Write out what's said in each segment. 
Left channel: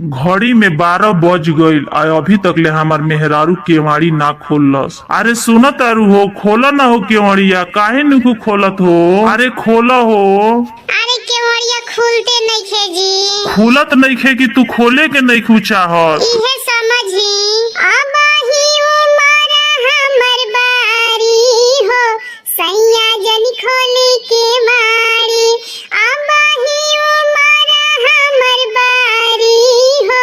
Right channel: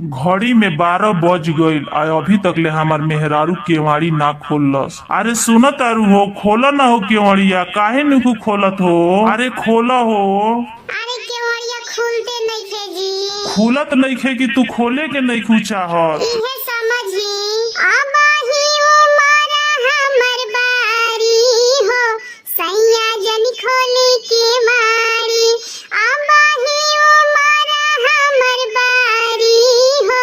घड़ी में 12 बज गईल आ अभी तक ले हमार मेहरारू केवाड़ी ना खोलस। अरे सुनो तारू हो, खोला ना हो केवाड़िया, काहे नुकू खोलत हो? अरे खोला हो। अरे केवड़िया खुलते नइखे जी। खुलत नइखे कि तू खोले के नइखू चाहत? इहे समझी अब ही उमर हमर बारी हो, सैया जन खोली के मारी। अब ही उमर हमर बारी हो,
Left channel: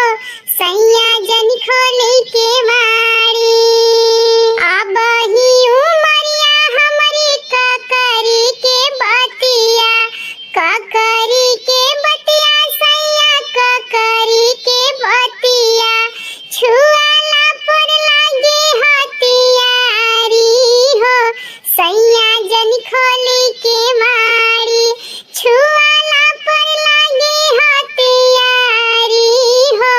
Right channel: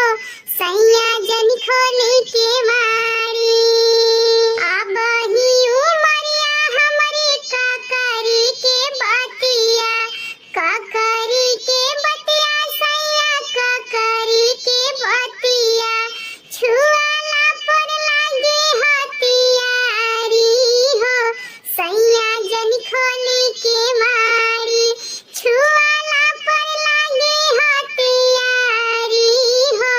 सैया जन खोली के मारी। अब ही उमरिया हमरी ककरी के बतिया, ककरी के बतिया सैया ककरी के बतिया, छुआला पर लागे हथियारी हो, सैया जन खोली के मारी। छुआला पर लागे हथियारी हो,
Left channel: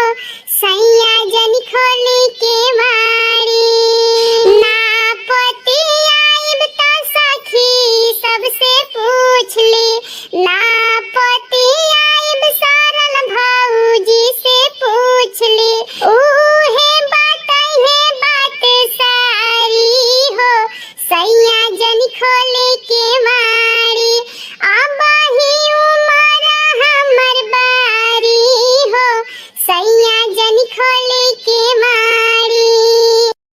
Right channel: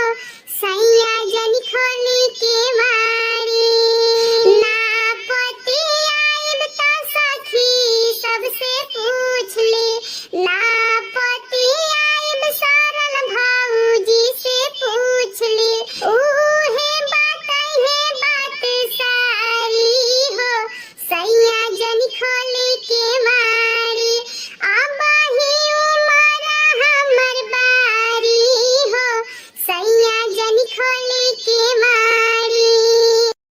सैया जन खोली के मारी। ना पति आइब त सखी सबसे पूछ ली, ना